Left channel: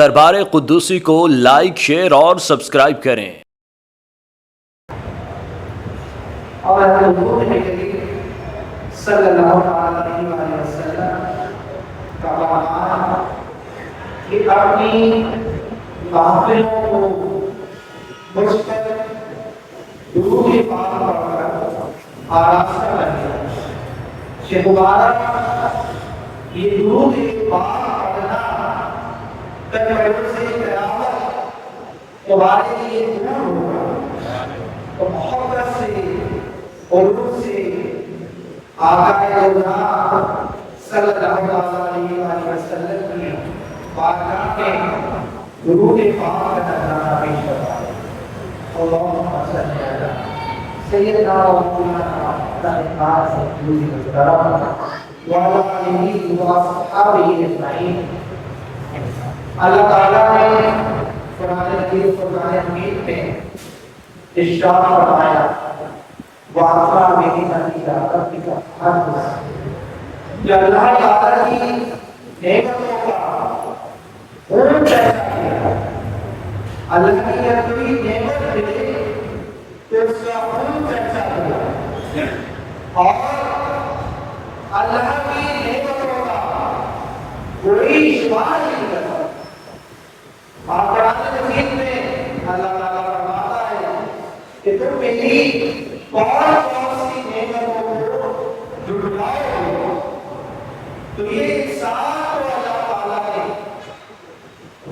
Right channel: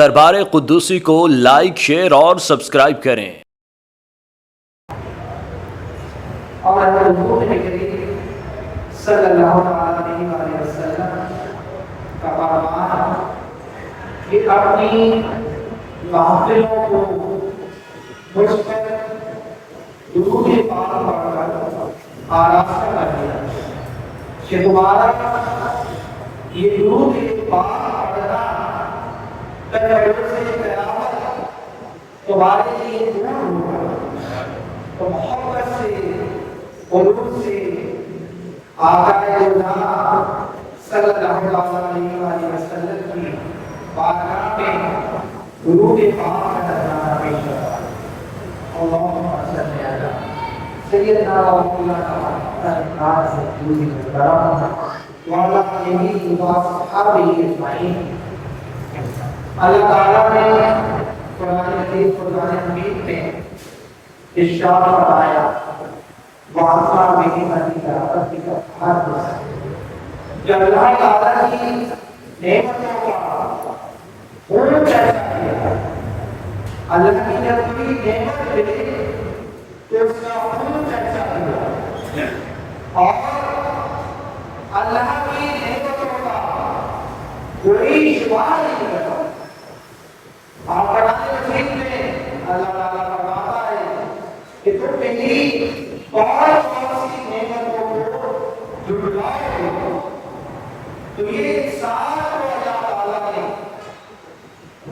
دربار قدوسی کو like, share اور سبسکرائب کریں۔ اور حضور کریم صلی اللہ علیہ وسلم کا فرمان کہ اپنی محفلوں کو مجھ پر درود پاک پڑھ کر آراستہ کریے کہ دوبارہ یہ درود پاک پڑھنا کل سے قیامت تمہارے لیے دور ہوگا، تو محبت سے قلوب سے آقا جوزا صلی اللہ علیہ وسلم کی بارگاہ میں درود پاک کا نذرانہ پیش کروایا۔ اللہم صلی علی سیدنا و مولانا محمد وعلی آلہ وصحبہ اجمعین۔ اللہ تعالیٰ نے قرآن حکیم قرآن حمید میں ارشاد فرمایا وَعَطَى بِنِعْمَتِكَ رَبِّكَ فَحَدِّثْ۔ جو اللہ تعالیٰ کی نعمتوں کا خون پیدا کیا، اللہ کی جب کوئی نعمت ملے تو اس کا خون پیدا کیا، اور اللہ کی نعمتوں کا کوئی شمار نہیں کرتا۔ اور قرآن مجید میں اللہ تعالیٰ فرماتا ہے کہ تم میری بہت سی نعمتوں کو جھٹلاؤ، تو یہ انسان کو اللہ تعالیٰ نے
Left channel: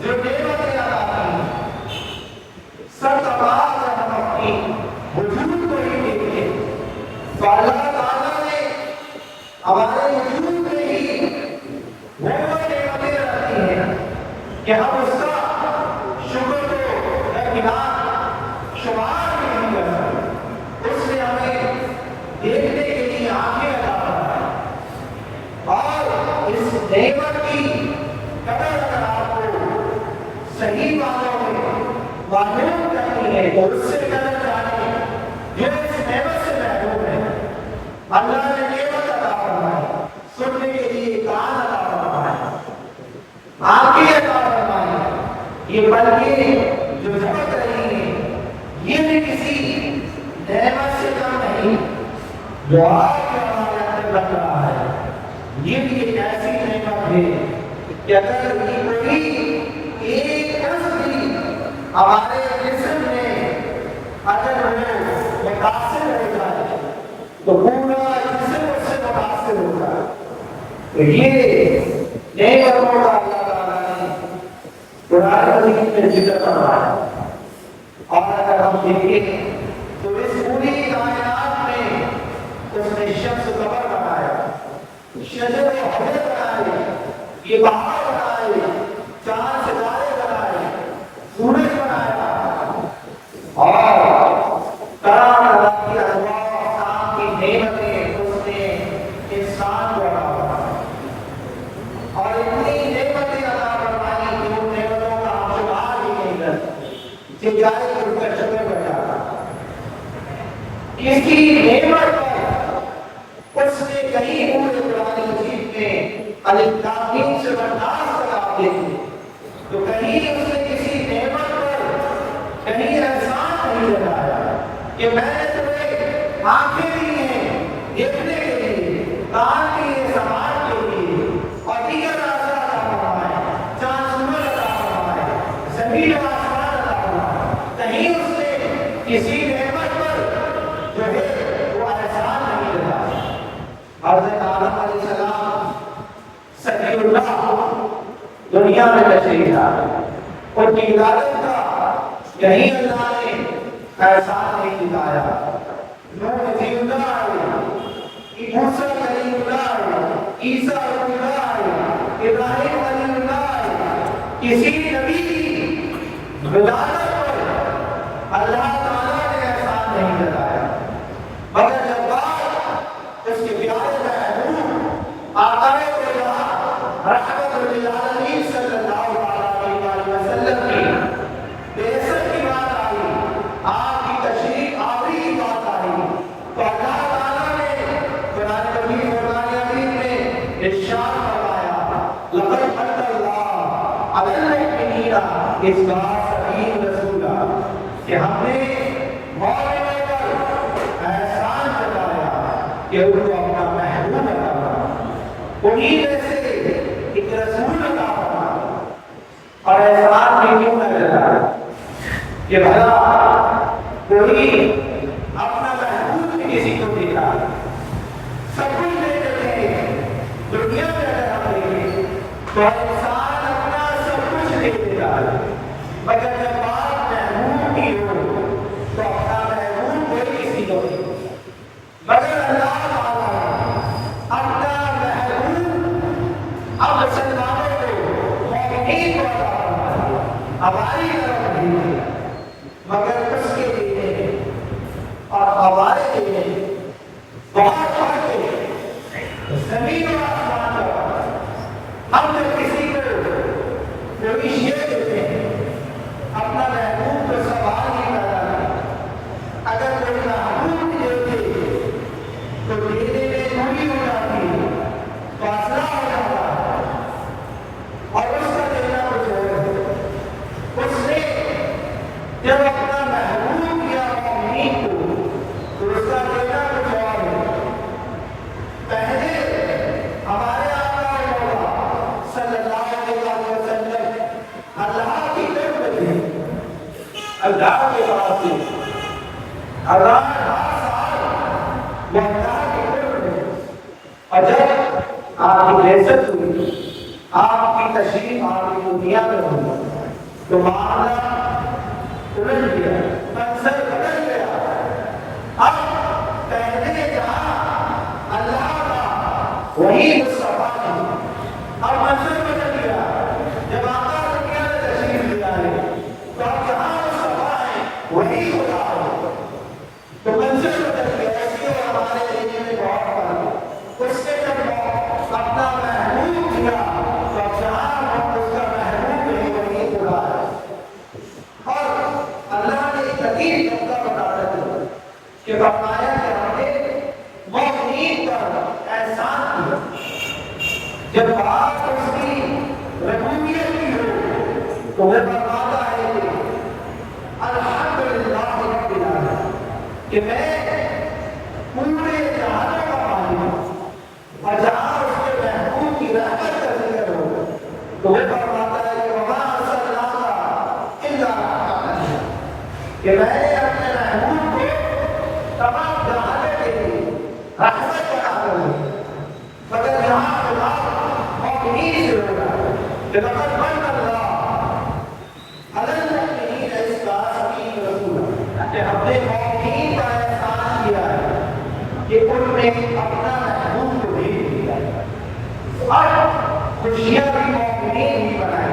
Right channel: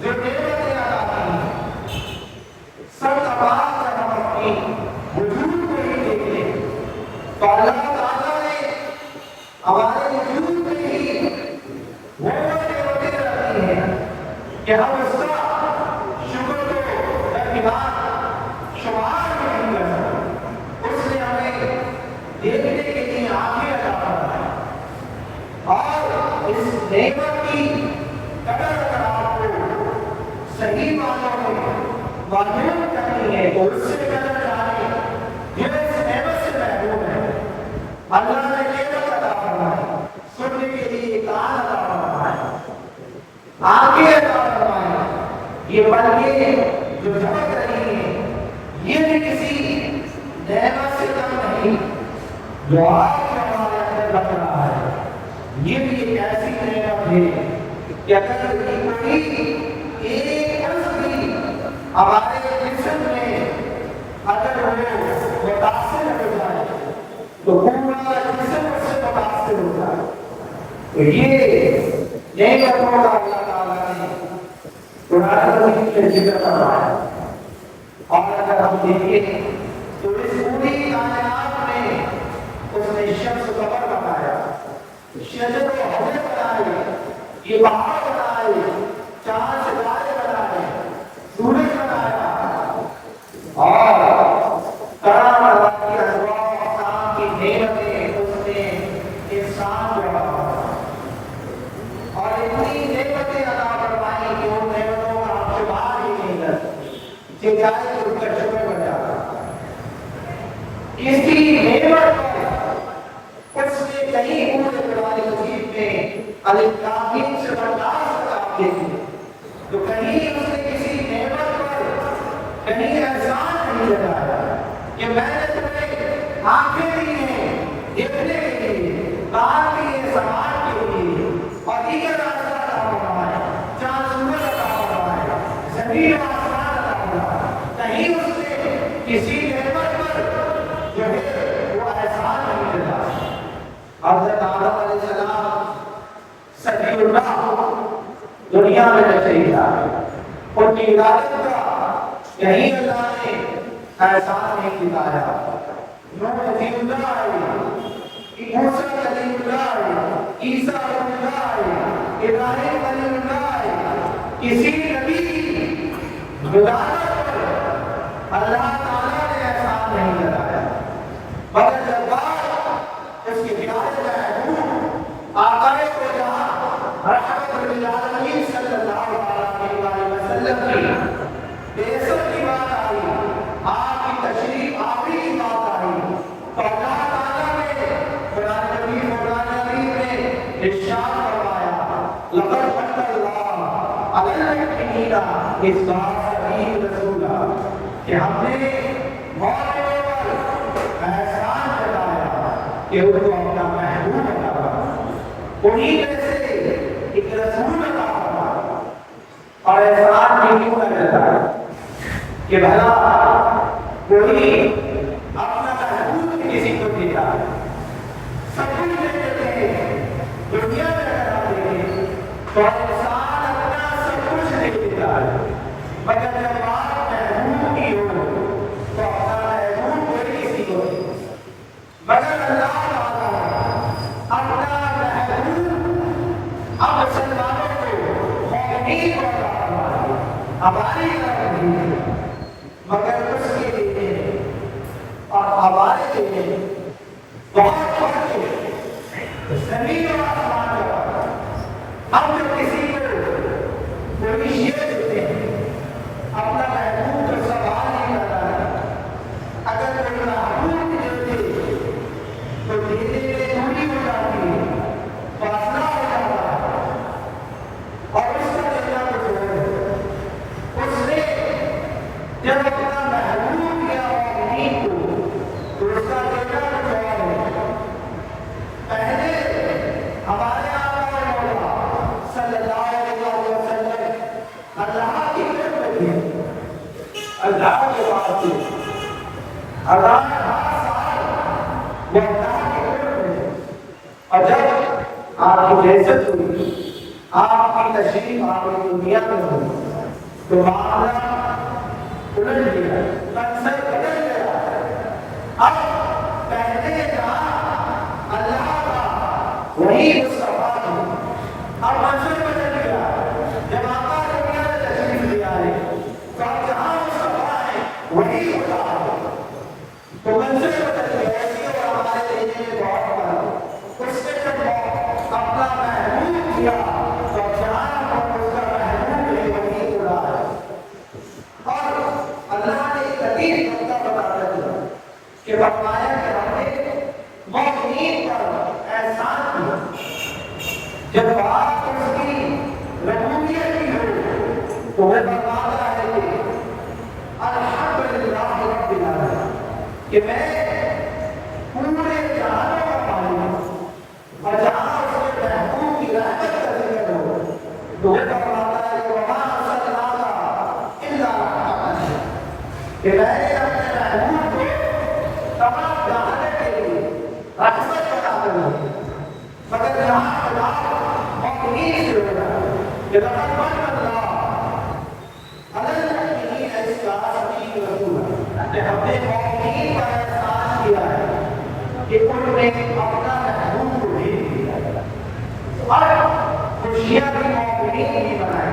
جو نعمتیں عطا کی سب تمام سے ہم اپنی وجود کو ہی دیکھیں، تو اللہ تعالیٰ نے ہمارے وجود میں ہی وہ نعمتیں رکھی ہیں کہ ہم اس کا شکر کو درمیان شمار نہیں کر سکتے۔ اس نے ہمیں دیکھنے کے لیے آنکھیں عطا فرمائیں، اور اس نعمت کی قدر اگر آپ کو صحیح معنوں میں معلوم کرنی ہے تو اس سے قدر جانیں جو اس نعمت سے محروم ہے۔ اللہ نے نعمت عطا فرمائی، سننے کے لیے کان عطا فرمایا، آنکھیں عطا فرمائی، یہ بلکہ جو جھپک رہی ہیں یہ بھی کسی نعمت سے کم نہیں، جو آج ہمارے اندر بن رہا ہے یہ بھی ایک ایسی نعمت ہے کہ اگر کوئی ایک عضو بھی ہمارے جسم میں اگر وہ متاثر ہو جائے تو پورا جسم اس سے متاثر ہو جائے۔ تو یہ نعمتوں کا اللہ تعالیٰ نے قرآن مجید میں ذکر کرا ہے۔ اور اگر ہم دیکھیں تو اس پوری کائنات میں اس نے شمس قمر بنایا، شجر و حجر بنائے، یہ پہاڑ بنائے، چاند ستارے بنائے، سورج بنایا، اور طرح طرح کی انواع اقسام کی نعمتیں اس نے انسان کو عطا فرمائی، اور اتنی نعمتیں عطا فرمائی کہ ان نعمتوں کا ہم شمار ہی نہیں کر سکتے، کہ جائے تو ان کا شکر بن جاتا۔ اس کی نعمت پر اس نے کہیں پورے قرآن مجید میں الف لام میم سے برداشت تک آپ دیکھیں تو کہیں اس نے کسی نعمت پر کہیں احسان نہیں لگایا کہ میں نے تمہیں آنکھیں دی ہیں دیکھنے کے لیے، کان دیے سماعت کے لیے، اور دیگر راستہ عطا فرمایا، چاند سورج عطا فرمایا، زمین و آسمان عطا فرمایا، کہیں اس نے کسی نعمت پر جو ہے وہ احسان نہیں لگایا۔ حضرت آدم علیہ السلام صفی اللہ دنیا میں تشریف لائے، ان کی عبادت کا کہیں اللہ نے احسان نہیں دکھایا۔ نوح نبی اللہ آئے، موسیٰ کلیم اللہ آئے، عیسیٰ روح اللہ آئے، ابراہیم کلیم اللہ آئے، کسی نبی کی ولادت پر اللہ تعالیٰ نے احسان نہیں لگایا، مگر جب بات اس کے پیارے محبوب آقا جوزا رحمت للعالمین صلی اللہ علیہ وسلم کی بعثت کی بات آئی، آپ کی تشریف آوری کی بات آئی، تو اللہ تعالیٰ نے قرآن مجید میں ارشاد فرمایا لقد من اللہ علی المؤمنین فینا اس بات عید رسولہ کہ ہم نے مومنوں پر احسان جتایا کہ ان کو اپنا محبوب بنایا، انہیں میں سے ایک رسول عطا فرمایا۔ اور احسان بھی کیوں نہ کرتا کہ بھلا کوئی اپنا محبوب کسی کو دیتا، سب کچھ دے دیتے ہیں دنیا میں اگر ہم دیکھیں تو انسان اپنا سب کچھ دے دیتا ہے، مگر جب بات محبوب کی ہو تو اپنا محبوب کوئی کسی کو نہیں، مگر اللہ تعالیٰ اپنا محبوب اب مسلمانوں کو مومنین کو عطا فرمایا، ہماری طرف نہیں دیا، مگر اس کے لیے اور ہمارے لیے بہت فرق ہے، زمین اور آسمان کا۔ ہم جب کسی کو کوئی شیء دیتے ہیں اپنا محبوب کو سوال نہیں کرتا ہے، اگر کوئی محبوب دے دے تو دینے میں دوری ہو جاتی ہے، فاصلہ ہو جاتا ہے، اور اس کا دینا کچھ اور اس نے جب اپنا محبوب یا مومنین کو تو اس کا دینا کچھ اور ہے۔ پہلے ہمارے آقا و مولا صلی اللہ علیہ وسلم اللہ کی طرف تھے، اللہ کے پاس تھے، اللہ ہر سال وہ اللہ کی طرف تھے، اور جب آپ کی بعثت ہوئی، آپ کی تشریف آگے دنیا میں ہوئی تو معاملہ الٹ گیا، منظر بدل گیا۔ اب پہلے جہاں اللہ کا وہی مصطفیٰ تھی، اب منظر بدل گیا، جب آقا دنیا میں تشریف لے آئے تو اب جہاں مصطفیٰ ہے وہی خدا ہے، تو منظر بدل گیا۔ اس کے اور ہمارے لینے میں بہت فرق، اس نے جب اپنا محبوب کیا تو اب جہاں اس کا محبوب ہے وہی خدا ہے۔ اور اللہ نے ایک عظیم نقطہ بتایا تھا کہ فرمایا کہ ہم نے مومنین پر احسان کیا، جب بات اس کی ربوبیت کی ہو تو وہ فرماتا ہے کہ الحمدللہ رب العالمین، کہ میں پورے جہانوں کا مالک ہوں، اور جہاں اس کے محبوب کی رحمت کا ذکر ہو تو وہ فرماتا ہے کہ وما ارسلناک الا رحمۃ للعالمین، کہ میں نے اپنے محبوب کو تمام جہانوں کے لیے رحمت بنا کر دی، مگر یہاں خدا مومنین سے ہو رہا ہے کہ لقد من اللہ علی المؤمنین اذ بعث فیہم رسولا، کہ ہم نے مومنین پر احسان کیا ہے کہ ان نے اپنا محبوب کو بھیج دیا اور خوشیاں بھی مومنین بھی بنائی،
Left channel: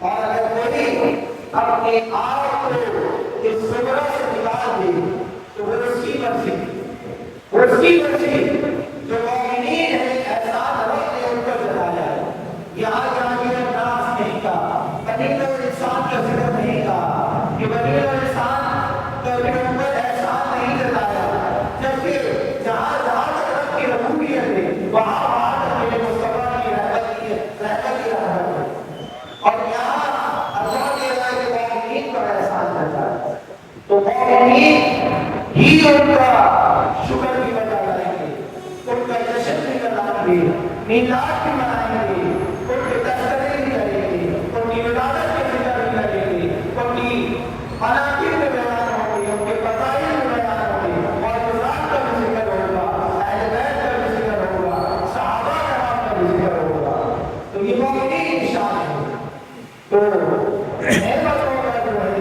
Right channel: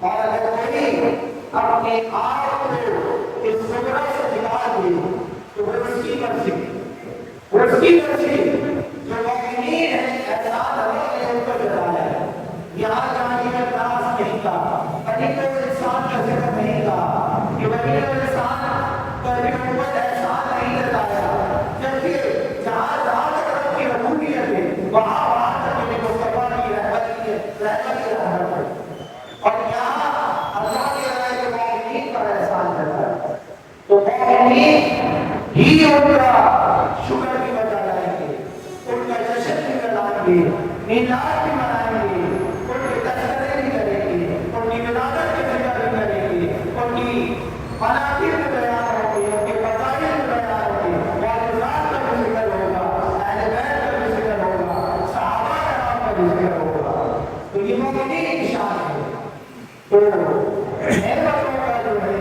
اور اگر کوئی اپنے آپ کو اس زمرے سے نکال دے تو وہ اس کی مرضی، وہ اس کی مرضی، جو مومنین ہے احسان ہمیں نے ان پر جتایا ہے۔ یہاں جانبی الناس نہیں کہا، بنی انسان کا ذکر نہیں کہا کہ بنی انسان پر بھی اوپر احسان نہیں جتایا، جبکہ جہاں جہاں تک رب کی ربوبیت ہے وہاں وہاں تک میرے مصطفیٰ کی رحمت کی رحمت ہے، اور یہاں اللہ کی رائے کے مومنین پر احسان کرتا ہے تو مومنین ہی ان کا شکر بھی بجا لائیں گے، ان کا جشن بھی منائیں گے، میلاد بھی منائیں گے، ان کے تذکرے بھی کریں گے، ان کی ولادت کے ذکر بھی کریں گے، ان کی مناقب میں بیان ہوں گے، ان کے فضائل میں بیان ہوں گے، معجزات کا بھی ذکر ہوگا، اہل بیت کا بھی ذکر ہوگا، صحابہ کرام کا بھی ذکر ہوگا۔ تو یہ مومنین کی شان ہے۔ تو نعمتوں کا جو ہے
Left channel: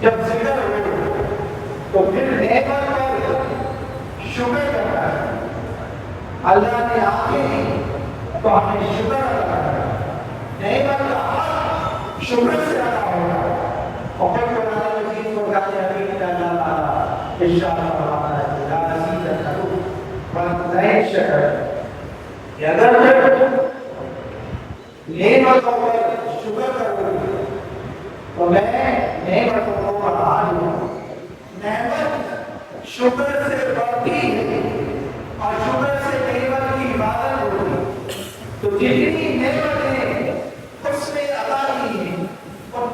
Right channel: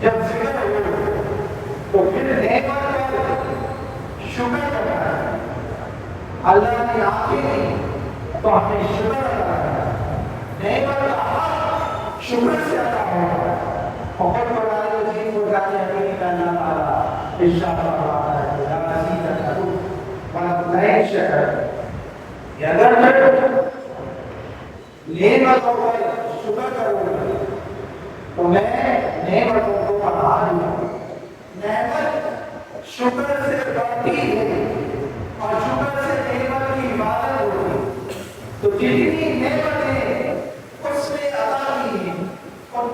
جب ذکر ہو تو پھر نعمت پر شکر کرنا ہے، اللہ نے آنکھیں دی تو ہمیں شکر ادا کرنا ہے، نعمت کا حق شکر سے ادا ہوگا۔ اور قرآن مجید کو گانے حبیب اللہ تعالیٰ ارشاد فرماتا ہے یا عزیز الحروف ولا شہر، کہ اگر نعمتوں پر شکر کرو گے تو میں نعمتوں کو بڑھا دوں گا۔ نعمت شکر سے بڑھتی ہے اور شکر سے نعمت کی عبادت ہوتی ہے، تو جتنی نعمتیں اس میں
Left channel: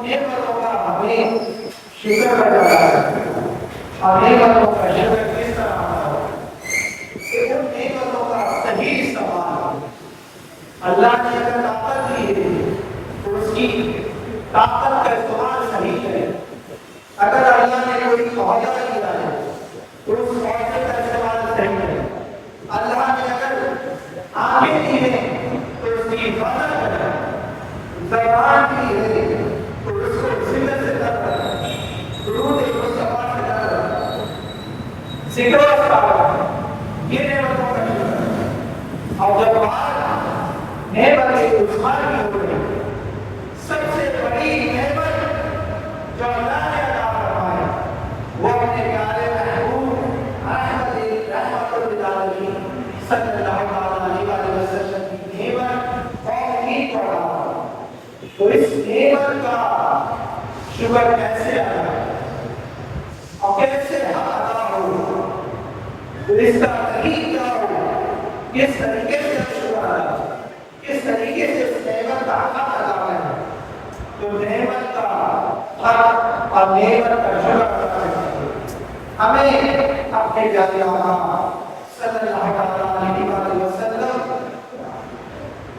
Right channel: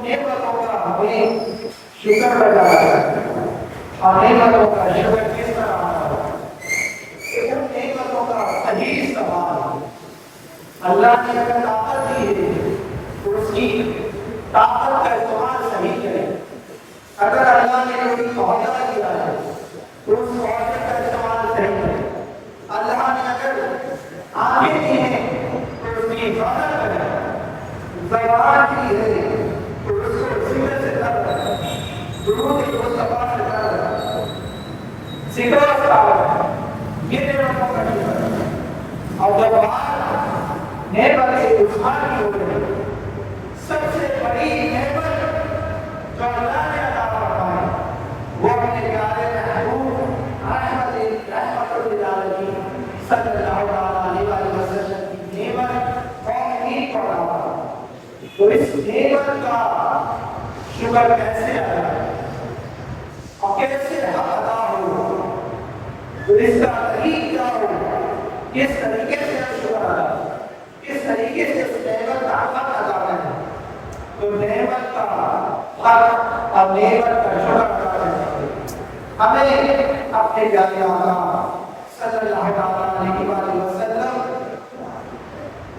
نعمتوں کا ہمیں شکر بجا ہے، اور نعمتوں کا شکر کس طرح ہو کہ ان نعمتوں کا صحیح استعمال، اللہ نے اگر طاقت دی ہے تو اس کی طاقت کا استعمال صحیح کرے، اگر اللہ نے کوئی معاوضہ دیا ہے تو اس معاوضے کا استعمال صحیح کرے، اللہ نے اگر آنکھیں دی ہیں تو اس کی حفاظت کرے، زبان دی ہے تو اس کو ذمہ سے کر، درود مصطفیٰ سے کر، ذکر و اذکار، یہ نعمتوں کا شکر ہے۔ اور جب بات نعمت عثمان کی ہو گئی، سب سے بڑی نعمت جو اللہ نے عطا فرمائی وہ اپنے پیارے محبوب رحمت للعالمین صلی اللہ علیہ وسلم کی نعمت قوم کی کو عطا فرمائی۔ تو اس نعمت کا شکر کیسے ادا اور کیسے حق ادا ہو، تو اس کا طریقہ ہو، کس طریقے سے شکر ادا، کس طریقے سے اس نعمت کا حق ادا کریں، تو نعمت کا حق اور نعمت کا شکر ادا کریں۔ ہمیں اپنے پیارے آقا صلی اللہ علیہ وسلم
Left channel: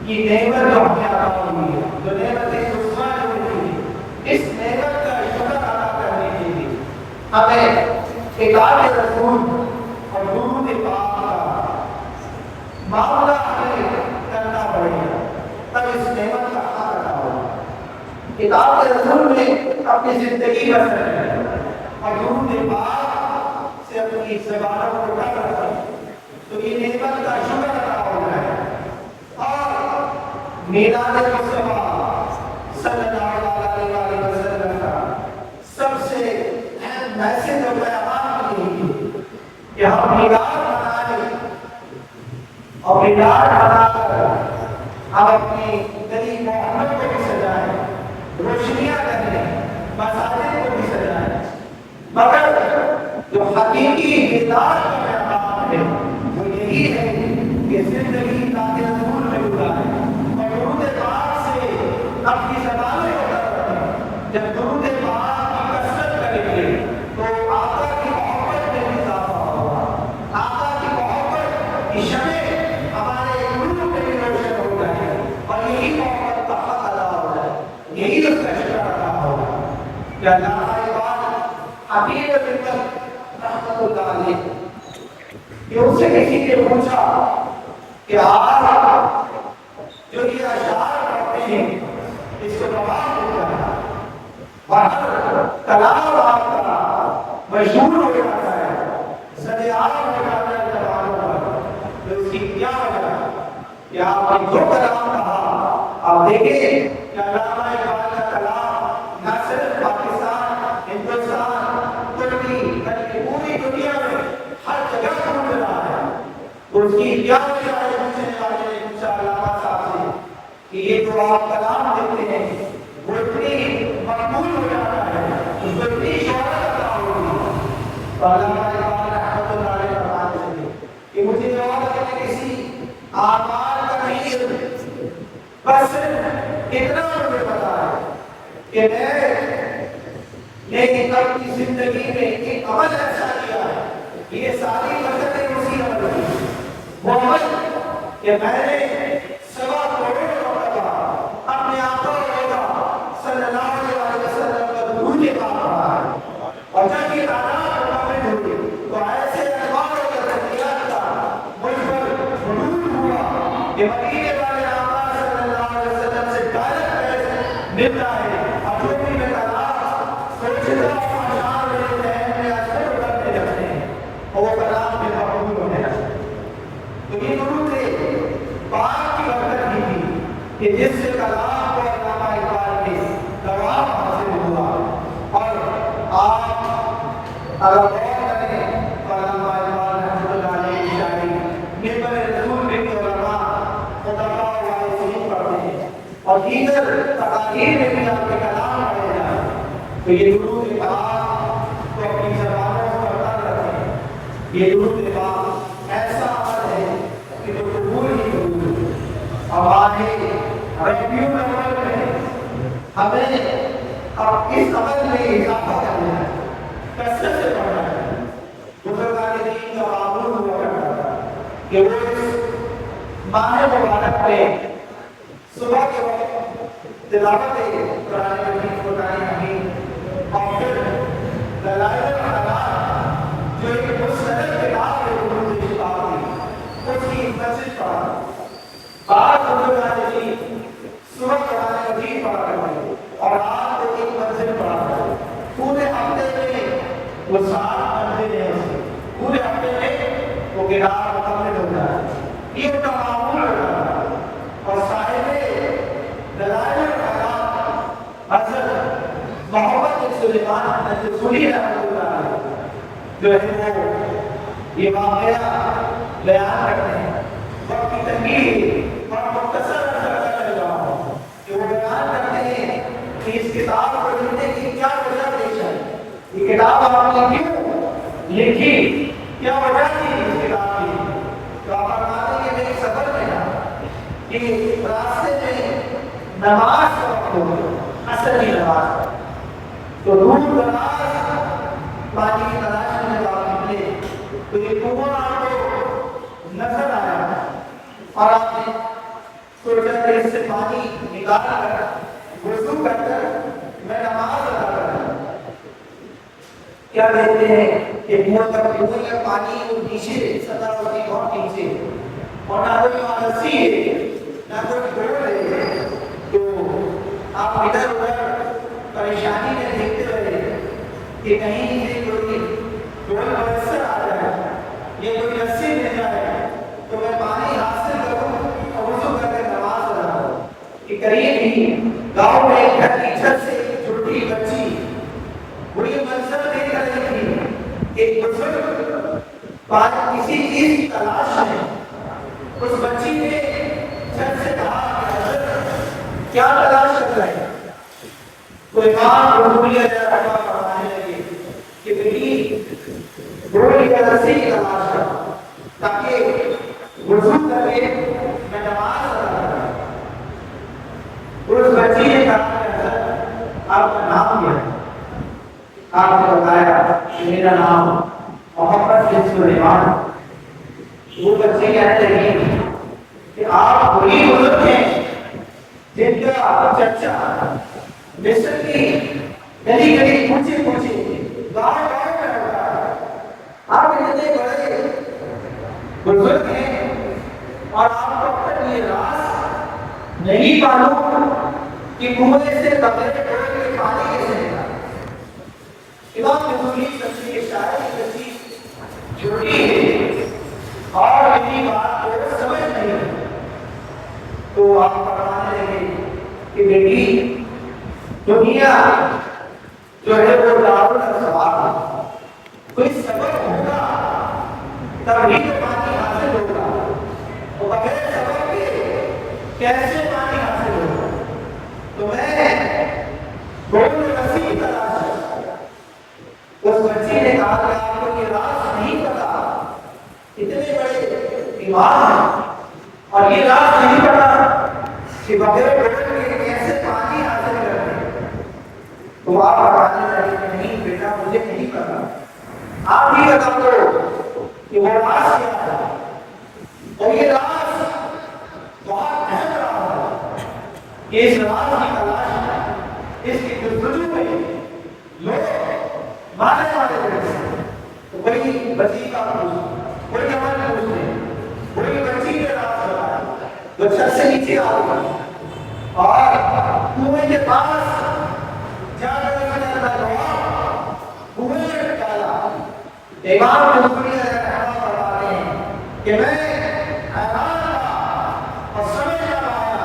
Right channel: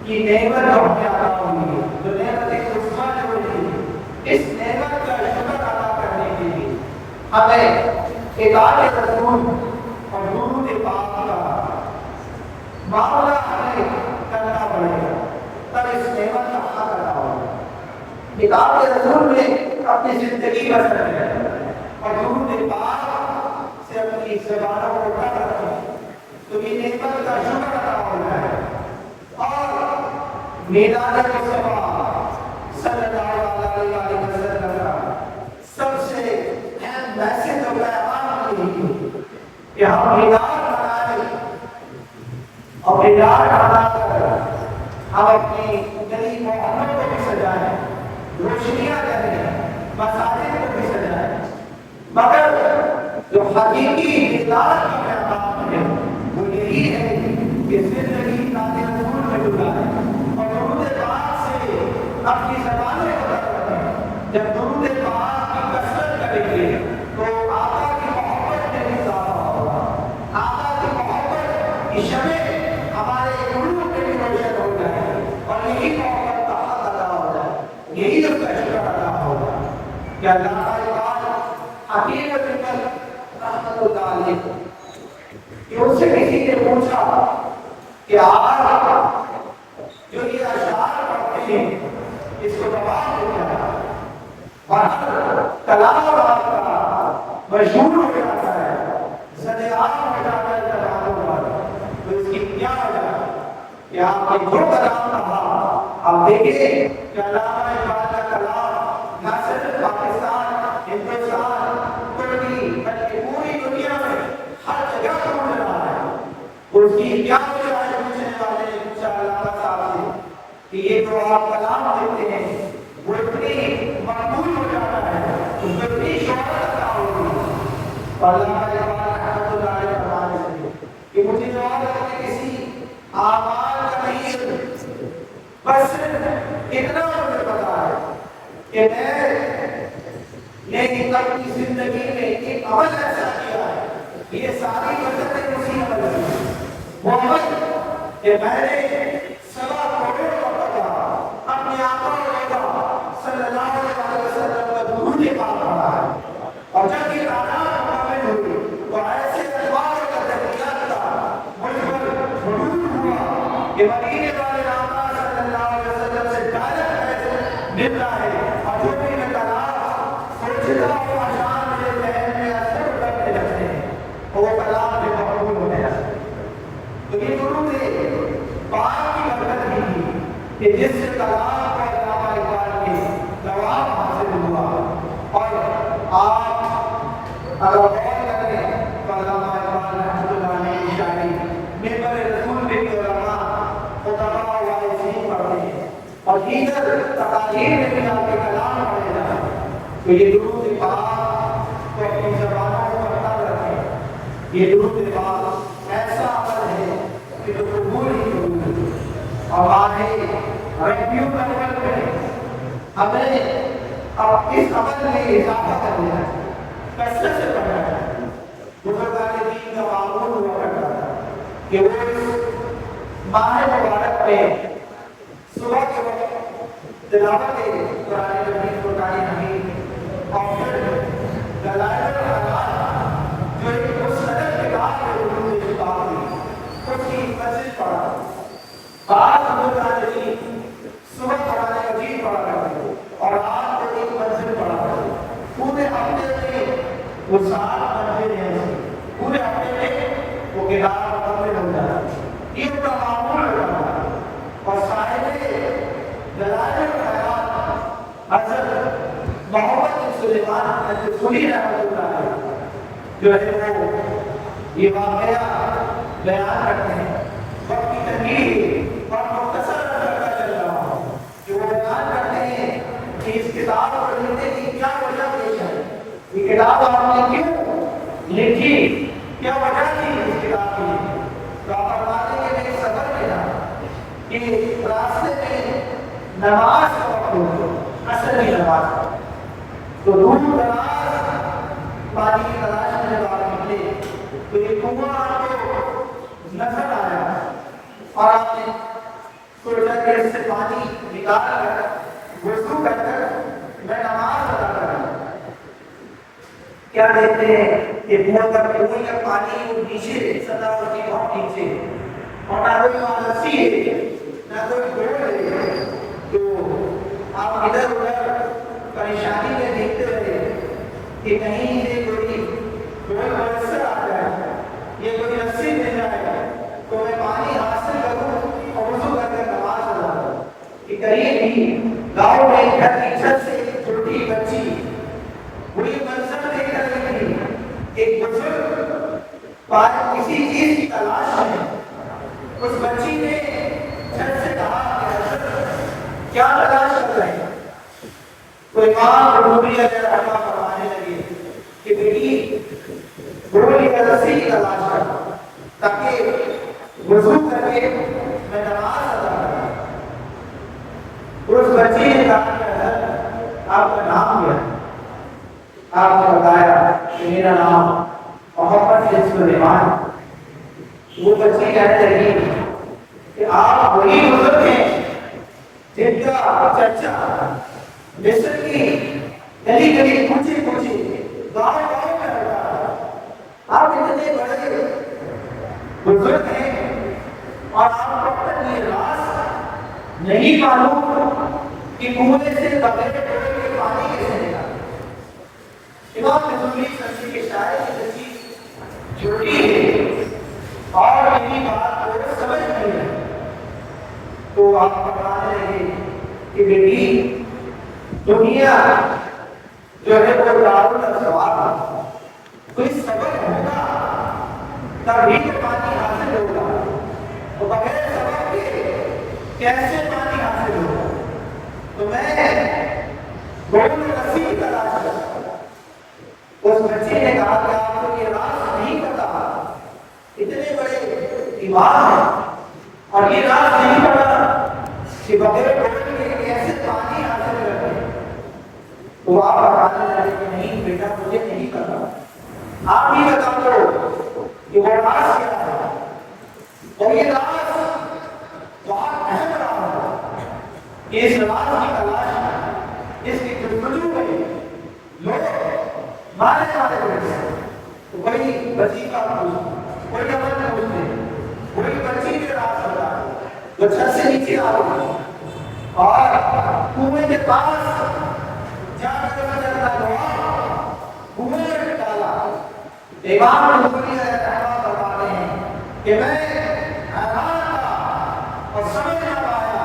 کی نعمت جو ہمیں عطا ہوئی ہے، جو نعمت عثمان جو ملی، اس نعمت کا شکر ادا کرنے کے لیے ہمیں اطاعت رسول اور درود پاک کا معاملہ ہمیں کرنا پڑے گا، تب اس نعمت کا حق ادا ہوگا۔ اطاعت رسول میں اپنی زندگی بسر کریں اور درود پاک سے اپنی زبانوں کو ڈھک رکھیں، تو یہ نعمت کا شکر ادا ہونا ہے۔ اور میلاد مصطفیٰ صلی اللہ علیہ وسلم کا سب سے اہم میسج و پیغام یہی ہے کہ ہم میلاد منائیں، اور میلاد منا کر ہم اپنی نبی محمد کو بھی سجائیں، روشنیاں کریں، مساجد کو بھی سجائیں، مگر جو حقیقی میلاد کا پیغام ہے وہ یہی ہے کہ زندگی کا رسول میں گزاریں اور درود پاک سے اپنی زبانوں کو رکھیں۔ جب درود پاک کی کثرت کریں گے تو آقا کی محبت میں بھی اضافہ ہوگا، آقا کی محبت کی شمع ہمارے قلوب میں بھی روشن ہو جائے اور یہی محبت کا حق ادا ہو جائے، یہی اس کا شکر ادا ہوگا کہ اللہ تعالیٰ حکیم رحمت اللہ علیہ کہ اس سے کسی نے پوچھا کہ آپ جو یہ اشعار پڑھتے ہیں اس کو جواب دیتا ہے اور کلام آپ کا مشہور ہو جاتا ہے، زد عام ہو جاتا ہے کلام کا، تو اس کی کیا وجہ ہے کہ آپ نے جو کلام کہا، آپ دیکھیں کہ علامہ اقبال کا کلام نہ صرف پاکستان، ہندوستان، ترکی بلکہ پوری دنیا میں ہر جگہ پہنچ رہا ہے۔ اس کی کیا وجہ ہے؟ پوچھنے والے نے پوچھا علامہ صاحب سے کہ یہ جو آپ کلام دیتے ہیں وہ اتنی مقبول ہو جاتا ہے، اس کو اتنی شہرت عطا ہوگی، تو علامہ اقبال رحمۃ اللہ علیہ فرماتے تھے کہ مجھے جواب ہے کہ کسی اعمال کا نہیں علم، بس اتنا مجھے پتا ہے کہ میں اپنی زندگی میں ایک عمل ایسا کیا ہے، یہ ساری برکتیں اسی عمل کی، وہ عمل کہ میں نے 1.25 کروڑ مرتبہ اپنے آقا صلی اللہ علیہ وسلم کا درود پاک پڑھا ہے، اور جب یہ تعداد مکمل ہوئی تو ایسے انوار کا تجلیات کا مجھ پر حدود ہوا کہ مدینے والے آقا صلی اللہ علیہ وسلم سے ڈائریکٹ فیض ملتا ہے، اور جو بھی میں کلام سوچتا ہوں آشان میرے ذہن میں اثر کرنے لگتے ہیں اور وہ کلام بھی مقبول ہونے لگتے ہیں۔ تو یہ درود پاک کی برکت ہی تھی کہ جس سے کلام کو علامہ اقبال کے دوام حاصل ہوا، اور آپ اگر غور کریں تو علامہ اقبال رحمۃ اللہ علیہ کی شاعری منبر رسول میں بھی علماء خطباء و وائزین پڑھتے ہیں، اور دیگر تقاریر میں بھی آپ کے کلام پڑھے جائیں، تو یہ درود پاک تو اپنی زبانوں کو کرتا رکھیں۔ یہ درود پاک ایسا عمل ہے کہ جو قبول ہی قبول ہے۔ ہمارے ربیع الاول میں ہمیں اب اس عمل میں اضافہ کرنا ہے، کثرت سے پڑھنا ہے۔ بزرگان دین کا معمول ہوا کرتا تھا کہ وہ اس ماہ مبارک میں صبح کے وقت تلاوت قرآن مجید کو قرآن حکیم اور پھر دلائل الحیات جو ایک مستند کتاب ہے علوم کتاب کی، اس کی مسجد پڑھا۔ بعض بزرگان دین صبح قرآن مجید پڑھا کرتے اور رات کو ایک مسجد پڑھا کرتے۔ پورے ہفتے میں وہ 7 منزلیں ہیں، پورے ہفتے میں وہ کتاب مکمل ہوتا ہے۔ یہ ان کا معمول ہوتا ہے۔ اور صاحب دلائل الحیات حضرت محمد بن سلیمان الجزوری رحمۃ اللہ علیہ جو ہے وہ یہ واقعہ بیان کرتے ہیں۔ وقت کی تنگی اور مختصر کرتا چل رہا ہوں کہ وہ بیان کرتے ہیں کہ اس کتاب کو لکھنے کی کیا وجہ پیش ہے، یہ کتاب آپ نے کیوں لکھی، کیا وجہ تھی اس کتاب کی۔ تو آپ فرماتے ہیں کہ ایک سفر میں کہ راستے میں نماز کا وقت ہو، عصر کی نماز، تو دور دراز پانی کی تلاش میں جب آپ نکلے تو یہ کنواں آپ کو نظر آیا اور آپ نے سوچا کہ اس سے پانی نکال کر وضو کر کر میں نماز ادا کروں۔ کیا دیکھتے ہیں کہ کنویں کا پانی وہ نیچے سطح ہوتی ہے بہت نیچے، اور نہ کوئی وہاں رسی ہے نہ کوئی ڈور ہے، تو آپ ادھر ادھر پریشانی میں دیکھتے رہے کہ کہیں سے کوئی ڈور میسر آ جائے، یہ کوئی رسی مل جائے تو میں پانی حاصل کروں اور وضو کر کے نماز ادا کروں۔ کہ قریب ہی گاؤں میں ایک گھر کی چھت سے ایک چھوٹی بچی وہ یہ منظر دیکھ رہی تھی، ایک بزرگ کسی چیز کی تلاش میں۔ اس بچی نے چھت سے کہا کہ حضرت کیا تلاش کر رہے ہیں؟ تو امام قرطبی علیہ رحمہ فرمانے لگے کہ بیٹی گھوڑے کی رسی کی تلاش کر تاکہ وضو کر کے میں نماز ادا کروں۔ اس بچی نے کہا کہ حضرت آپ کا نام کیا ہے؟ آپ نے بتایا کہ میرا نام محمد بن سلیمان۔ وہ بچی کہتے ہیں کہ آپ وہی بزرگ ہیں جن کا چرچا مصر کی گلی گلی پوچھے پوچھے گاؤں گاؤں میں ہوتا ہے۔ آپ اتنے بڑے بزرگ ہیں اور آپ کو تک یہ راز نہیں معلوم کہ کنویں سے بغیر ڈول کے پانی کیسے نکلا۔ امام نظامی سنجی کے شاعر کی چیز چھوٹی ہے اور میری بات کو سمجھ نہیں ہے، تو آپ فرمانے لگے کہ بیٹی دنیا جو ہے وہ دارالاسواد ہے، کوئی سبب ہوگا تبھی تو پانی حاصل ہوگا، وہ بغیر سبب کے کیسے پانی حاصل ہوگا۔ تو میں گول رسی کی تلاش کرتا۔ اس بچی نے کہا کہ آپ کو یہ راز نہیں پتا، اتنے بڑے امام ہیں اور یہ راز نہیں پتا کہ بغیر ڈول کے کیسے پانی حاصل کرتے ہیں۔ تو آپ بتانے لگے کہ نہیں بیٹا مجھے نہیں پتا، آپ ہی بتا دو کہ وہ راز کیا ہے۔ اور یہ راز بہت اہم راز ہے کہ اس راز کی تلاش اس کی جستجو میں لوگ مانے جاتے ہیں، تو وہی وظیفہ پوچھتے، وہی عمل پوچھتے، وہی بچی کے راز بتا جو چھت سے نیچے آ گئی اور کنویں کے پاس جا کر اس نے اپنا دعا کنویں میں ڈالا۔ امام قرطبی رحمہ فرماتے ہیں کہ میں حیران تھا اور سمجھ نہ پایا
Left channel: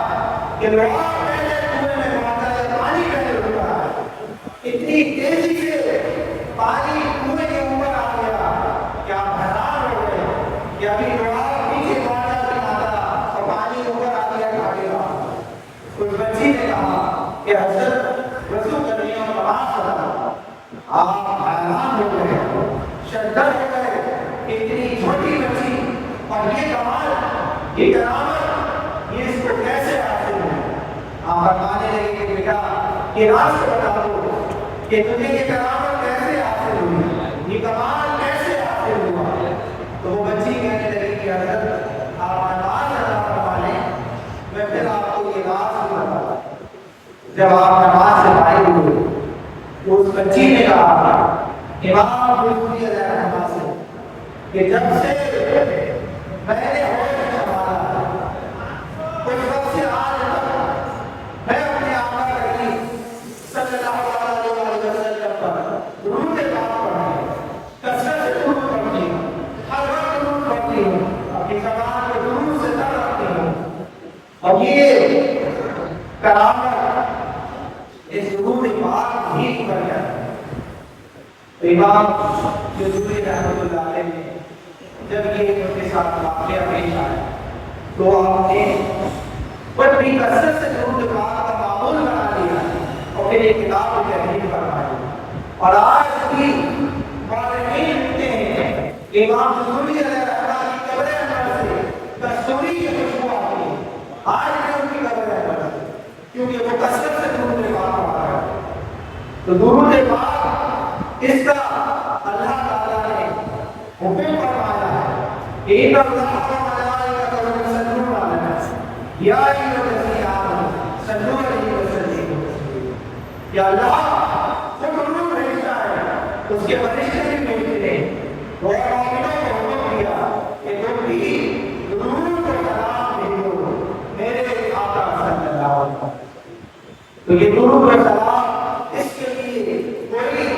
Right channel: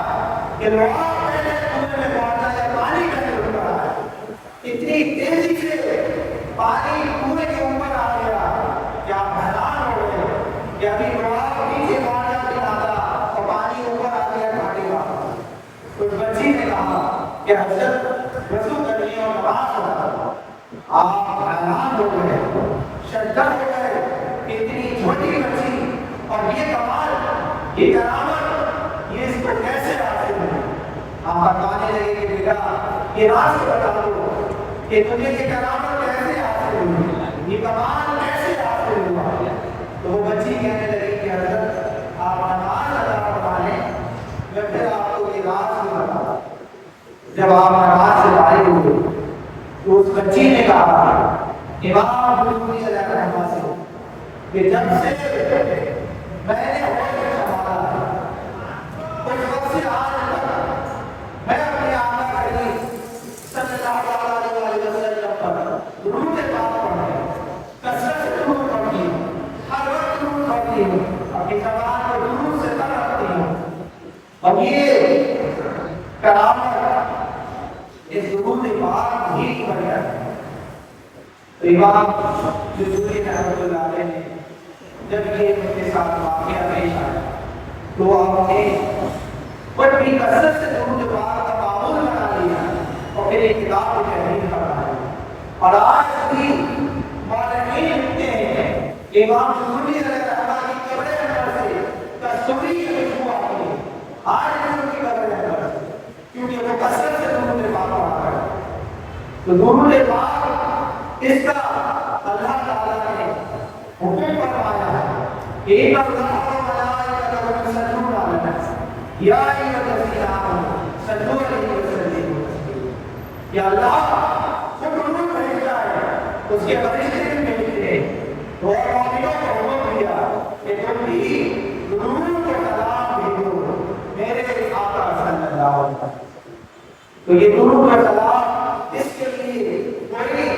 کہ دعا پہلے کنویں میں پہنچا ہے، پانی پہلے اٹھ رہا ہے، اتنی تیزی سے پانی کنویں کے اوپر آ گیا کہ آپ حیران ہو گئے کہ ابھی دعا نیچے پہنچا کے ماتا اور پانی اوپر آ گیا گھاٹے کا۔ اس بچی نے کہا کہ حضرت وضو کرنی اور نماز ادا کرنا۔ آپ حیران ہو گئے، شرکت ہو گئے کہ اتنی چھوٹی بچی اور یہ کمال، یہ کرامت، یہ اس کو کیسے حاصل ہوئی۔ آپ فرمانے لگے کہ بیٹا یہ راز بتا دو کہ تجھے یہ کرامت کیسے حاصل ہوئی، یہ کمال کیسے حاصل ہوا؟ تو وہ بچی کہنے لگی کہ حضرت آپ نماز ادا کروا لیں، میں پھر آپ کو یہ راز دوں۔ جب آپ نماز سے فارغ ہوئے تو اس بچی نے کہا امام بلبلی علیہ الرحمہ سے کہ جب سے میں نے ہوش سنبھالا اس وقت سے آج تک میں اپنے آقا کریم صلی اللہ علیہ وسلم پر درود پاک پڑھتی ہوں، کثرت سے درود پڑھتی ہوں، ہر وقت درود پڑھتی ہوں، اپنی زبان کو درود سے تر رکھتی ہوں۔ اور یہ کرامت اس درود پاک ہی پر جاتی ہے۔ امام جزوری رحمۃ اللہ علیہ نے جب یہ ان کے ساتھ واقعہ پیش آیا تو آپ نے بڑی کثرت سے درود پاک کا معمول بنا لیا اور پھر ایک کتاب کو تحریر کروایا، اور آج بھی مولوی لکھتے ہیں امام جزوری علیہ الرحمہ کی قبر انور سے کستوری شریف ہوا ہے، آج بھی ان کی قبر انور سے، کیونکہ وہ کثرت سے درود پاک پڑھا ہے۔ تو درود پاک اس کا اللہ تعالیٰ نے حکم فرمایا ان اللہ و ملائکتہ یصلون علی النبی یا ایھا الذین آمنوا صلوا علیہ وسلموا تسلیما۔ یا اللہ خود درود بھیجتا ہے، اس کے فرشتے بھی بھیجتے ہیں، وہ مومنوں کو حکم دیا کہ تم بھی درود و سلام بھیجو میرے آقا صلی اللہ علیہ وسلم۔ تو یہ درود و سلام اس کے لیے کوئی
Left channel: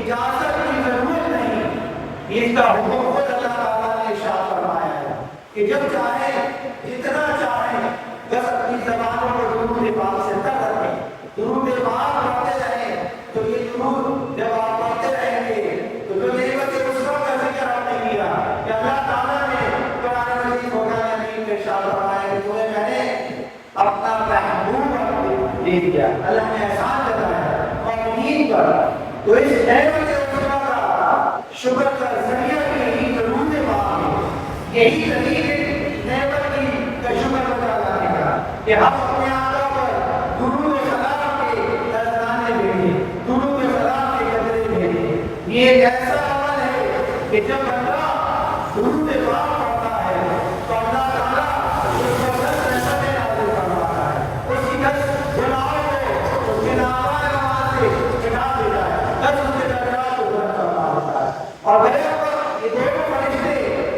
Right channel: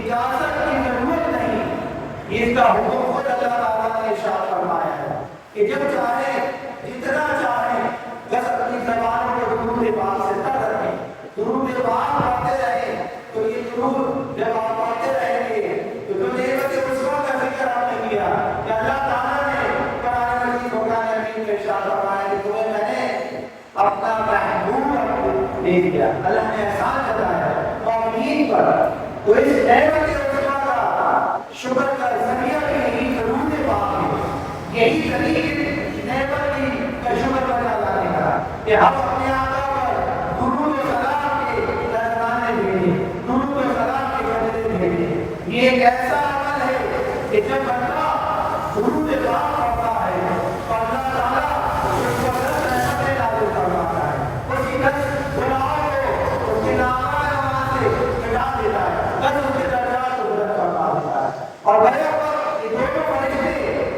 اجازت کی ضرورت نہیں، اس کا حکم خود اللہ تعالیٰ نے ارشاد فرمایا ہے کہ جب چاہیں جتنا چاہیں بس اپنی زبانوں کو درود پاک سے تر رکھیں، درود پاک پڑھتے رہیں۔ تو یہ درود جب آپ پڑھتے رہیں گے تو جو نعمت عظمیٰ کا ذکر آپ نے کیا کہ اللہ تعالیٰ نے قرآن مجید فرقان حمید میں ارشاد فرمایا کہ تمہیں میں نے اپنا محبوب دے دیا، اللہ نے احسان جتایا مومنین پر۔ تو اس نعمت عظمیٰ کا شکر کا ذریعہ بھی یہی درود پاک ہے، یہی طریق نعمت کی کا شکر بجا لانے کا کہ ہم اپنے آقا پر درود و سلام کے نذرانے بھیجیں، درود و سلام کے قطرے بھیجیں۔ یہ ایک ایسا عمل ہے کہ جب بندہ درود پاک پڑھتا ہے تو اللہ تعالیٰ اس کو 10 رحمتیں نازل فرماتا ہے، اس کی 10 گناہوں کو اس کے نامہ سے مٹا دیتا ہے، 10 اس کے درجات کو بلند فرما دیتا ہے۔ اور بڑے وقت یہ دونوں فرشتے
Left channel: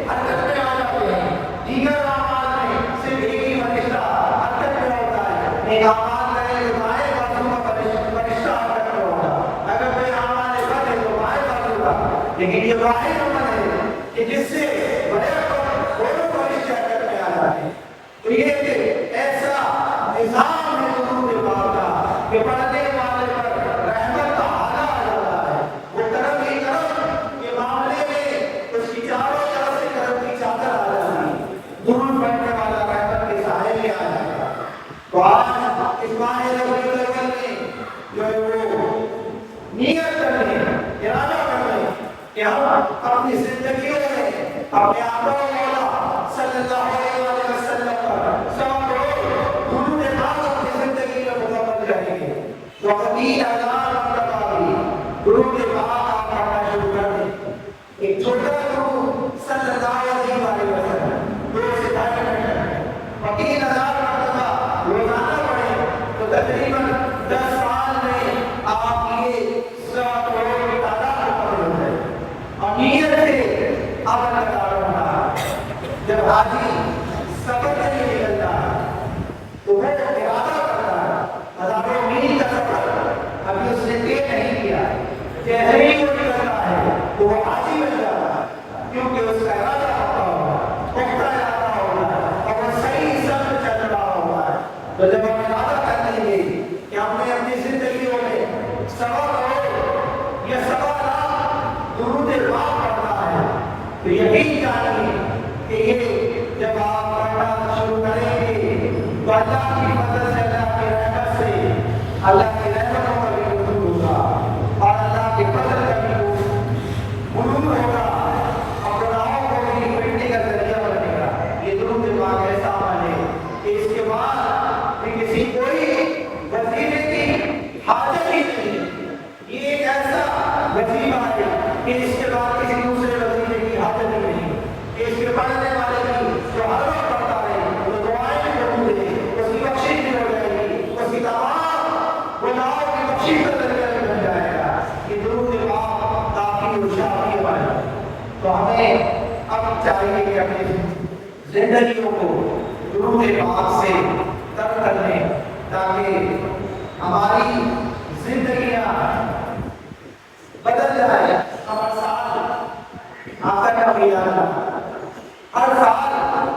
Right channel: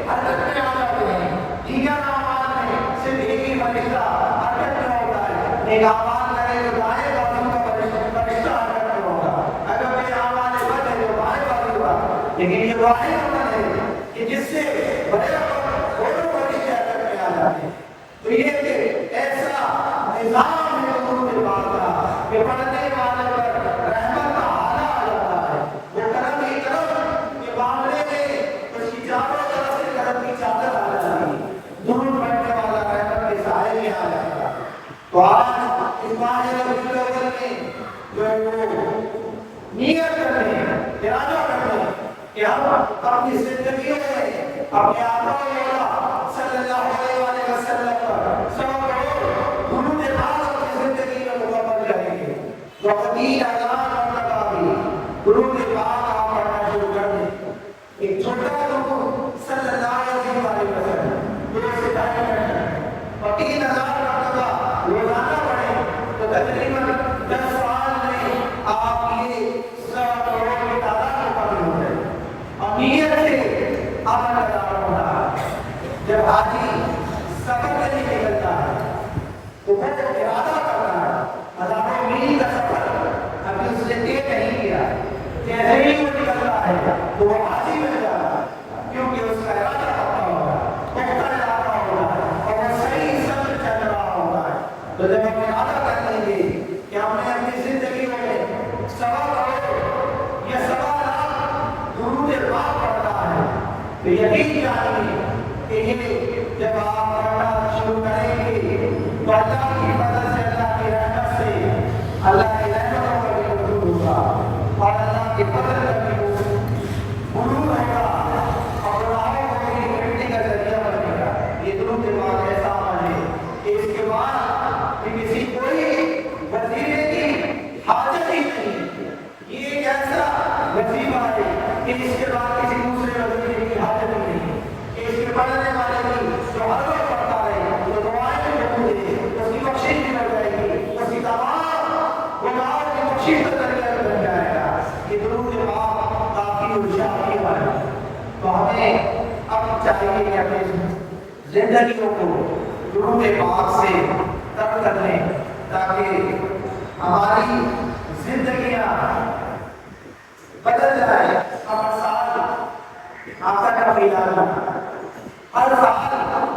حرکت میں آ جاتے ہیں، دیگر اعمال میں صرف ایک ہی فرشتہ حرکت میں ہوتا ہے، ایک اعمال کرے تو دائیں بازو کا فرشتہ حرکت میں ہوگا، اگر کوئی اعمال بد ہے تو بائیں بازو کا۔ لیکن یہ واحد عمل ہے کہ جس سے بڑے وقت دونوں فرشتے حرکت میں آ جاتے ہیں۔ تو یہ ایک ایسا نظام ہے درود پاک کا کہ پڑھنے والے پر رحمت کا حالہ آ جاتا ہے، وہ کرم ہی کرم کے معاملے میں اس کی چاروں طرف سے کرم کی چادر آ جاتی ہے، درود پڑھنے والا رحمت کے سائے میں آ جاتا ہے۔ تو آج اس ماہ ربیع الاول میں جو ہے وہ نیت کرنے، ارادہ کرنے کہ ہم اپنی زندگیوں میں اپنے آقا مولا صلی اللہ علیہ وسلم پر 100 کروڑ درود پاک اپنی زندگی میں مکمل کریں گے۔ تو 30,000 مرتبہ بھی درود پاک آپ پڑھنا شروع کر دیں۔ ایک چھوٹا درود صلی اللہ علیہ وسلم 2 سے 2.5 منٹ کا، اور 3,000 مرتبہ روزانہ پڑھیں تو تقریباً 10 سال میں آپ یہ 100 کروڑ کی تعداد مکمل ہو جائے۔ اور نیت سے عمل لگا رہا ہے۔ جب حاجی سفر کے لیے نکلتا ہے تو وہ ارادہ کرتا ہے، ہزاروں میل کا سفر ابھی اس نے طے نہیں کیا، جیسے ہی وہ نکلتا ہے تو وہ حاجی بن جاتا ہے، کیونکہ اس کا ارادہ پختہ ہوگا، پختہ ارادہ ہوگا اور وہ صحیح سمجھ چل رہا ہوگا۔ تو جب ہم ارادہ کر لیں گے کہ ہم نے اپنی زندگیوں میں 100 کروڑ یا 1.25 لاکھ درود پاک پڑھنا ہے، تو یقین جانیے کہ یہ جب خوشی کا ذریعہ بن جائے گا. یہ درود پاک کافی و شافی ہے. تو ہمیں اب چاہیے کہ اپنی زندگیوں کو درود پاک سے تر کر لیں تاکہ ہماری زندگیاں بدل جائے. ہر سال آقا کا میلاد، ہر سال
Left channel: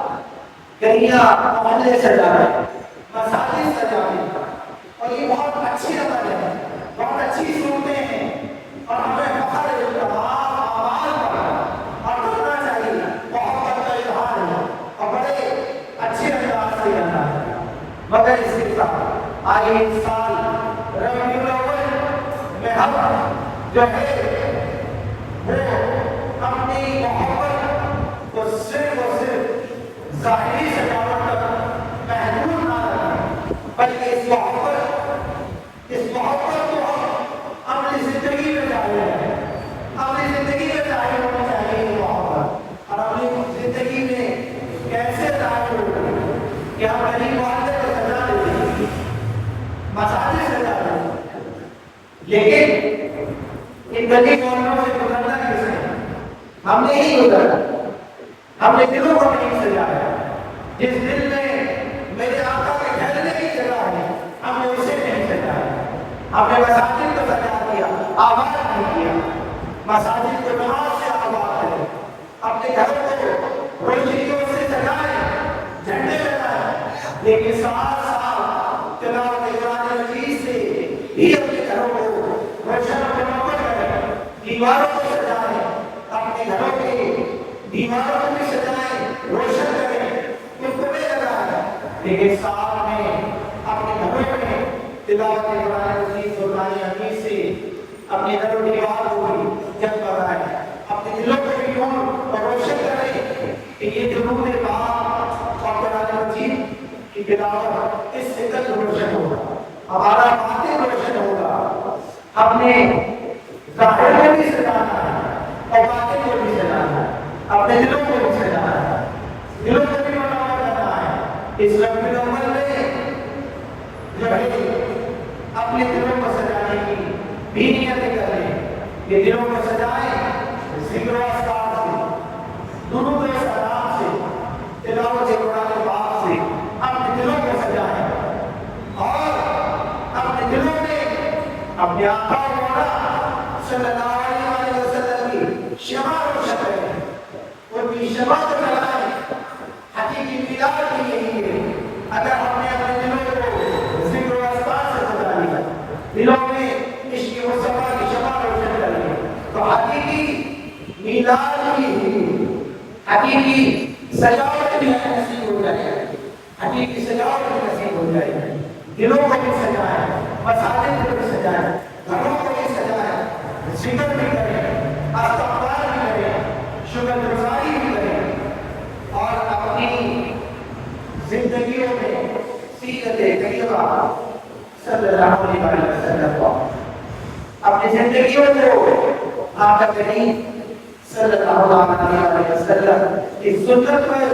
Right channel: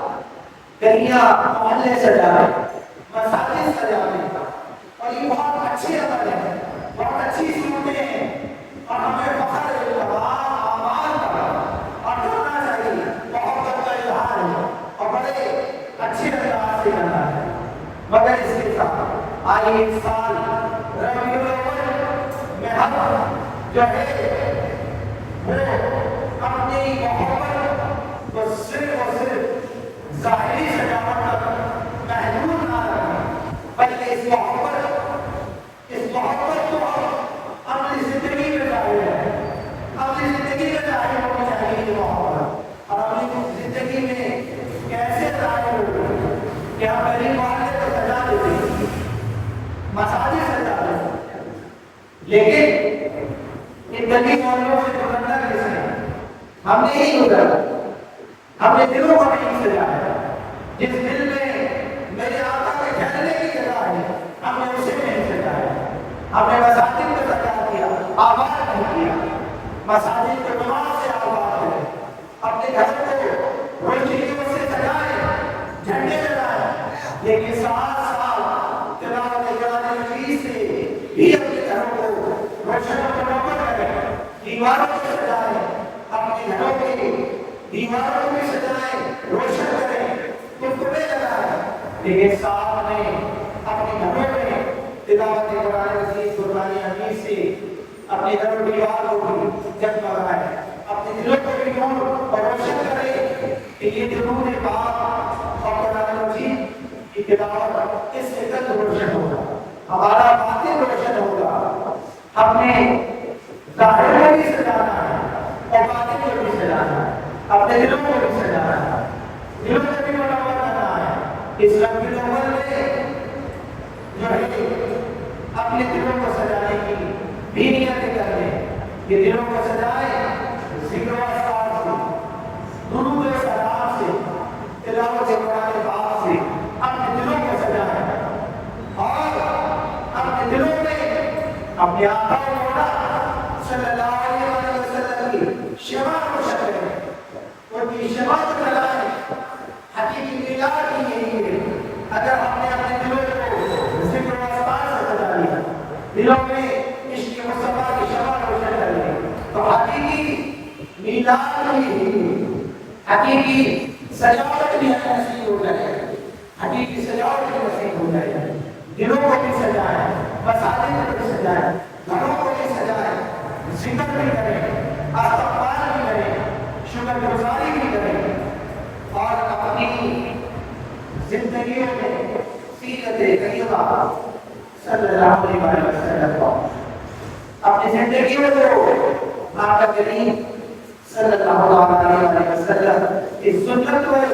گلیاں محلے سجائے، مساجد سجائے، اور یہ بہت اچھی عمل ہے، بہت اچھی صورتیں ہیں، اور ہمیں فخر ہے تمام اعمال کا اور کرنا چاہیے. محبت کا اظہار ہے اور بڑے اچھے انداز سے کرنا ہے. مگر اس کے ساتھ آئیے اس سال ربیع الاول میں ہم جو ہے وہ اپنی محبت کو صرف اور صرف ظاہری سجاوٹ تک محدود نہ رکھیں، بلکہ اس محبت کو ہم اپنی زندگی میں ظاہر کریں. اپنی زندگی میں ظاہر ہونی چاہیے یہ محبت. اور اپنی زندگی میں کیسے ظاہر ہوگی کہ ہم غریب والے کو سجا دیتے ہیں، مساجد سجا دیتے ہیں، لیکن ان گلی محلوں سے گزرنا کس نے؟ ہم نے ہی گزرا. ہم نے دلوں کو نہیں سجایا. جس دل میں میرے آقا کے ٹھہرنے کی جگہ ہے ہم نے اسے نہیں سجایا. ہم نے مساجد کو سجا دیا، آباد نہیں کیا. مساجد کو نماز سے آباد کریں، اپنے گھروں کو روشنیوں سے سجائیں، جھنڈے لگائیں، لیکن سال سال تلاوت قرآن مجید سے بھی اپنے گھروں کو روشن و منور کریں. دیواروں کو سجائیں، اپنے گھروں کی دیواروں کو بھی سجائیں، روشن کریں، ٹکڑے لگائیں، لیکن ساتھ میں اپنے گھروں میں تلاوت قرآن مجید قرآن حدیث سے اپنے گھروں دیوار کو بھی جگمگائیں، اپنے دلوں کو بھی نور اور روشن کریں کہ یہ درود پاک اور قرآن مجید کی تلاوت اس سے کل روشن ہوگا، ہمارا باطن روشن ہوگا. ہم نے ظاہر کو بھی سجانا ہے اور باطن کو بھی سجانا ہے، اپنے دلوں کو بھی سجانا ہے، دلوں کو بھی منور کرنا ہے. اس ربیع الاول میں جو ہے اپنے دلوں کو سجانے کی بھی نیتیں کر لیں. یہ دلوں کو سجائیں ذکر و اذکار سے، درود و سلام سے، تلاوت قرآن پاک سے. اپنے دلوں کو سجائیں اور اپنے دلوں میں اپنے آقا و مولا صلی اللہ علیہ وسلم کی شمع روشن کریں، ان کی شمع جلائیں. حقیقی میلاد بھی یہی ہے. اگر ہم نے اپنے دلوں کو ذکر و اذکار سے سجا لیا، دلوں میں عشق مصطفیٰ کی شمع روشن کر لی، تو حقیقی میلاد بھی یہی ہے. حقیقی سجاوٹ بھی نصیب ہو جائے گی، حقیقی سجاوٹ بھی نصیب ہو جائے گی. دلوں کو بھی سجائیں، مساجد کو بھی سجائیں، گھروں کو بھی سجائیں، ذکر بھی کریں، استغفار بھی کریں، شکر گزاری بھی کریں، اور اپنی زندگیوں میں سیرت کریمہ صلی اللہ علیہ وسلم کو، اپنی زندگیوں کو آقا کریم صلی اللہ علیہ وسلم کی سنت پر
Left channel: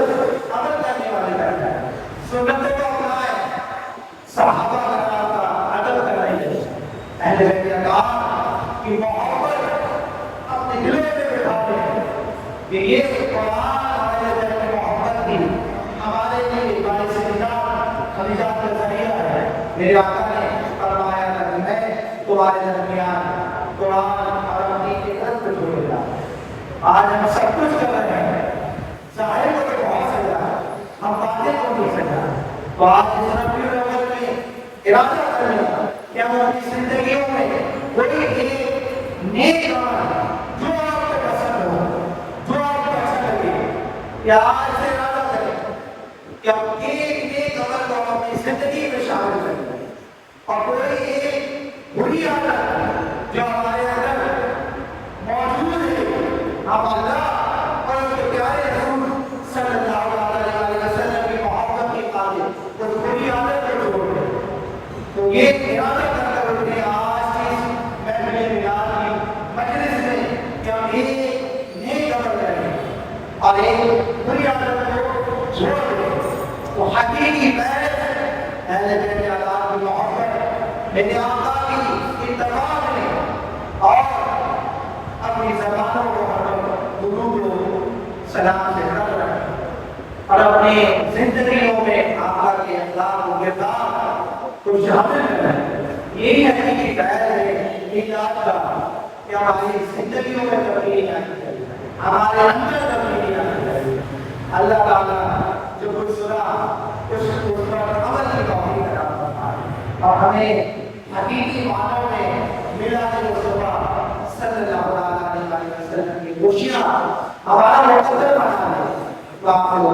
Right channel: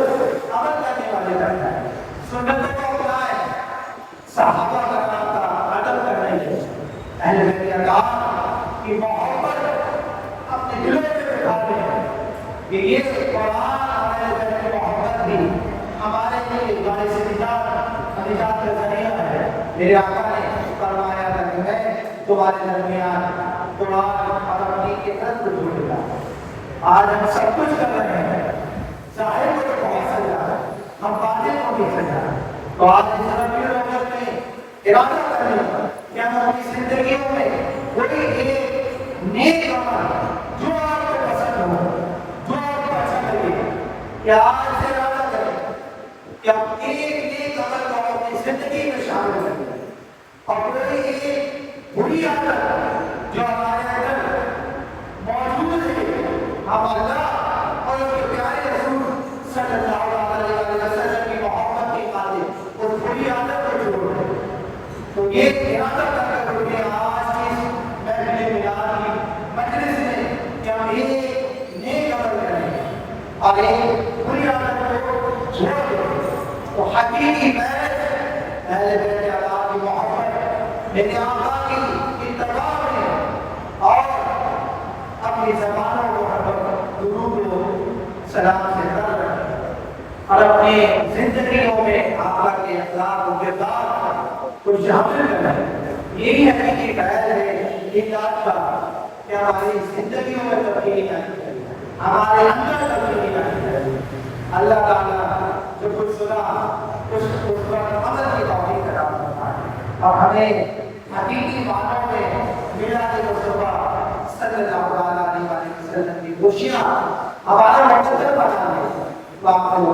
عمل کرنے والے کرنا ہے. سنتوں کو اپنائیں، صحابہ کرام کا ادب کرنا ہے، اہل بیت اکرام کی محبت اپنے دلوں میں بٹھاتے ہیں کہ یہ قرآن ہمارے دل میں محبت دی ہمارے لیے باعث نجات کا ذریعہ ہے. میرے آقا نے فرمایا کہ میں تمہارے درمیان قرآن اور اپنی کے رد جوڑے گا. آج ہم سب کچھ کر رہے ہیں، ظاہر کو تو بہت سجا، ہم باطن کو بھی سجا. تو آج اس ربیع الاول میں ارادہ کریں کہ ہم اپنی زندگیوں میں کوئی ایک نیک عمل جو آپ کو پسند ہو، جو آپ کو اچھا لگے، کہ آج سے ارادہ کریں کہ ہم ایک نیک عمل کو ہم اپنی زندگی میں شامل کریں، اور کوئی ایک بری عادت جو ہمارے اندر موجود ہے، ہم اللہ اور ان کے پیارے رسول صلی اللہ علیہ وسلم کی محبت کے قابل اس بری عادت کو چھوڑ دیں. تو یہ ارادہ کر کر اٹھے آج کی محفل میلاد کی مجلس میں کہ ہم ایک نیک عمل کریں اور ایک بری عادت کو چھوڑ دیں. تو حقیقی محض اہل بیت اکرام کی محبت، میرے آقا کی اپنی زندگیوں میں آقا کے اخلاق و کردار کو شامل کریں. یہی حقیقی قید ہے میلاد کا کہ ہماری زندگیوں میں تبدیلی آئے، ہمارے اندر تبدیلی آئے. اللہ تعالیٰ جو کچھ سنا اس پر عمل کی توفیق عطا فرمائے اور ہمیں حقیقی معنوں میں میلاد مصطفیٰ صلی اللہ علیہ وسلم کی خوشیاں ہمارا مقدر بنا لے. واقعی